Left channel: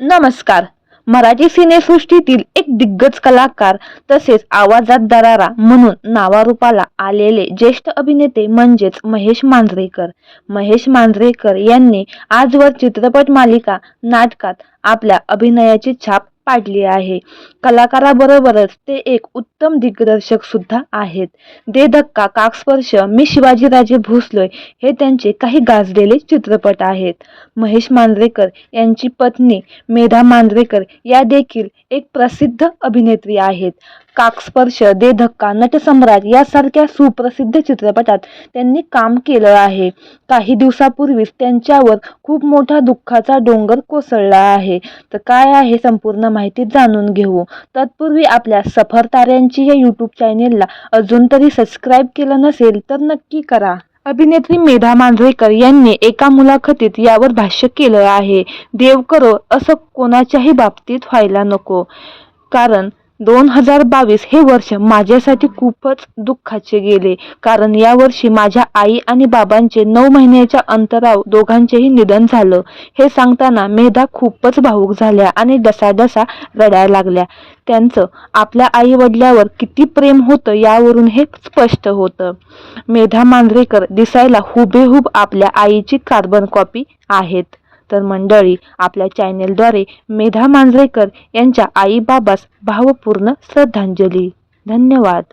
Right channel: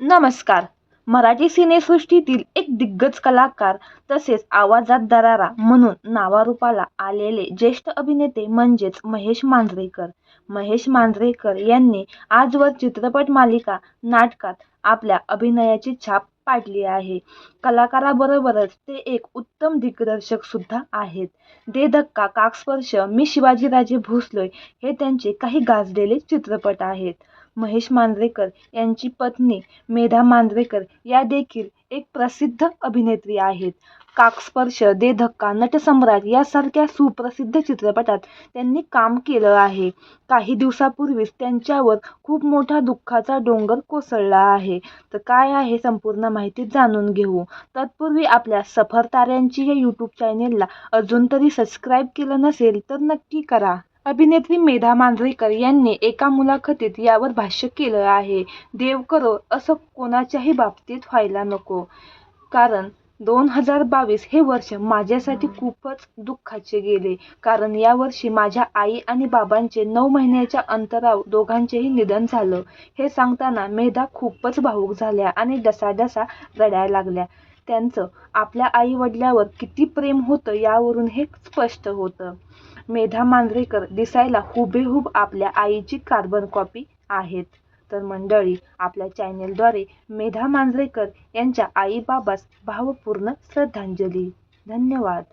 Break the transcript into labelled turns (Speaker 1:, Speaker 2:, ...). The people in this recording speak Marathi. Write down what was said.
Speaker 1: नमस्कार. मराठी सिनेसृष्टीतील एक दिग्गज कलाकार तसेच आवाजात दरारा म्हणून नावारूपाला आलेले ज्येष्ठ अभिनेते म्हणजेच महेश मांजरेकर. महेश मांजरेकर यांनी आजवर चित्रपट मालिका नाटकात आपल्या अभिनयाची छाप पाडली आहे. कलाकाराबरोबरच ते एक उत्तम दिग्दर्शक सुद्धा आहेत. दे धक्का काकस्पर्श मी शिवाजीराजे भोसलोय हे त्यांचे काही गाजलेले चित्रपट आहेत. महेश मांजरेकर यांची पत्नी मेधा मांजरेकर या देखील एक प्रसिद्ध अभिनेत्री आहेत. काकस्पर्श दे धक्का नटसम्राट यासारख्या सुप्रसिद्ध चित्रपटात त्यांनी काम केलं आहे. काही दिवसापूर्वीच त्यांच्यावर खूप मोठा दुःखाचा डोंगर कोसळला आहे. तर काय आहे संपूर्ण माहिती जाणून घेऊ. तत्पूर्वी आपल्या सफर ताऱ्यांची या यूट्यूब चॅनेलला अजून तरी सबस्क्राईब केलं नसेल तर नक्की करा. अभिनेत्री मेधा मांजरेकर यांनी एका मुलाखतीत यावर भाष्य केलं आहे. देव करो असं कोणाच्याही बाबतीत व्हायला नको. कारण दोन हजार बावीस हे वर्ष माझ्यासाठी खूपच दुःखाचे गेले. कारण या वर्षी माझ्या आई आणि बाबांचे नऊ महिन्याच्या अंतराव दोघांचेही निधन झालं. हे सांगताना मेधा खूपच भावूक झाल्या आणि डसाडसा रडायला लागल्या. त्यांचं आपल्या आई वडिलावर किती प्रेम होतं यावरून हे स्पष्ट होतं. मेधा मांजरेकर दिसायला हुबेहूब आपल्या आईची कार्बन कॉपी आहेत. तर मंडळी आपल्या चॅनेलद्वारे मेधा मांजरेकर यांच्या आई बाबास भावपूर्ण श्रद्धांजली. धन्यवाद.